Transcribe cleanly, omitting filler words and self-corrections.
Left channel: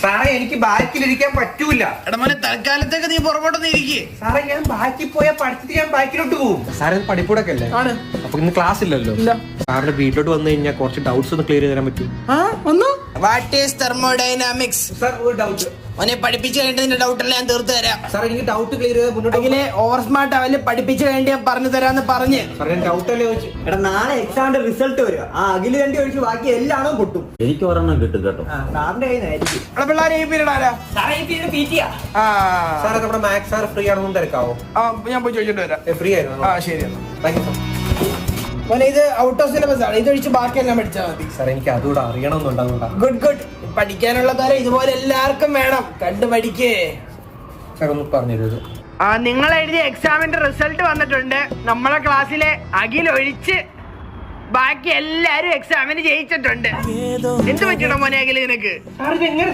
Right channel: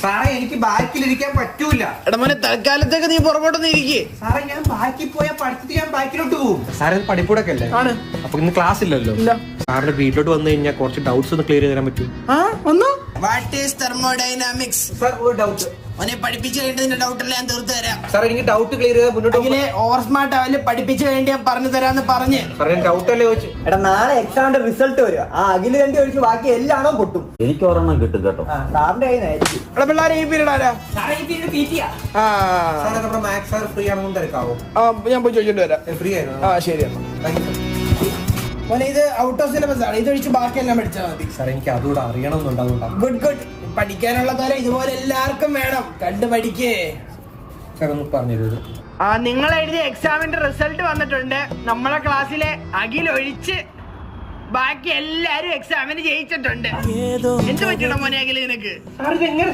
സാറേ എനിക്ക് ബാക്കിലിരിക്കാൻ പറ്റൂല. എടാ മോനെ തൽക്കാലത്തേക്ക് നീ പുറകോട്ടൊന്ന് ഇരിക്കേ. സാറേ ഞാൻ ബാക്കിൽ പോയാൽ പഠിച്ചിട്ട് ഞാൻ ബാക്കിലോട്ട് പോകും. സാറേ പഠിപ്പൂടൊക്കെ അല്ലേ? ആണ്. അപ്പൊ ഇന്ന് ക്ലാസ് ഇല്ലല്ലോ. സാറിന്റെ വീട്ടിലോട്ട് വന്നു കഴിഞ്ഞാൽ കുറച്ച് ഡൗട്ട്സ് ഒന്ന് ക്ലിയർ ചെയ്ത് തരാൻ പറ്റും? What is thermodynamics? സാർ ഒരു ഡൗട്ട് മോനെ പഠിപ്പിച്ചു കഴിഞ്ഞിട്ട് നിന്റെ ഡൗട്ടെല്ലാം ഞാൻ തീർത്തു തരാം. സാർ എനിക്ക് ഡൗട്ട് ക്ലിയർ ചെയ്ത് മുന്നോട്ട് ഓവർ സ്മാർട്ട് അവല് പഠിപ്പിച്ചു കഴിഞ്ഞ് ഞാൻ പറഞ്ഞു തരാന്ന് പറഞ്ഞ്. സാറേ ഡൗട്ട് അല്ലേ ചോദിച്ചു? എടാ നാളെ എക്സാമിന്റെ റിസൾട്ട് വരിക. ആ അഖില് രണ്ടി ഒഴിച്ച് ബാക്കി എല്ലാണോ പൊട്ടും. എനിക്ക് ഒരെണ്ണം കിട്ടും കേട്ടോ. സാറിന്റെ കയ്യിലായിരിക്കും. പിള്ളേർ ഈ പീരീഡ് ആരാ? സാറേ നമ്മുടെ മാത്സ് സാർ ഫ്രീ ആണെന്ന് തിരക്കാവോ? ഞാൻ പോയി ചോദിച്ചിട്ട് വരാം. ഫ്രീ ആയിരുന്നു. ശരി താങ്ക് യു. മോനെ ഇത് ഔട്ട് ഓഫ് സിലബസ് ആണ്. ഇതൊഴിച്ച് ബാക്കിയെല്ലാം പഠിച്ചാൽ മതി. സാർ എനിക്ക് അതുകൂടെ അറിയണമെന്നുണ്ടാകുന്നുണ്ടാ. ഗുഡ് പഠിക്കാനുള്ള തരം ഇതുപോലെ എല്ലാവർക്കും വേണം. കണ്ടു പഠിക്കേ. സാർ ഒന്ന് പറഞ്ഞു തരൂ. നിങ്ങൾ എഴുതിയ എക്സാമിന്റെ റിസൾട്ട് വന്നിട്ടുണ്ട്. നമ്മളെ ക്ലാസ്സിലെ അഖിൽ ഒഴിച്ച് ബാക്കി എല്ലാരും എക്സാമിന് ജയിച്ചിട്ടുണ്ട്. എന്ത് പറ്റണം മോനെ അഖിൽ നിനക്ക്? സാർ ഇത് എങ്ങനെ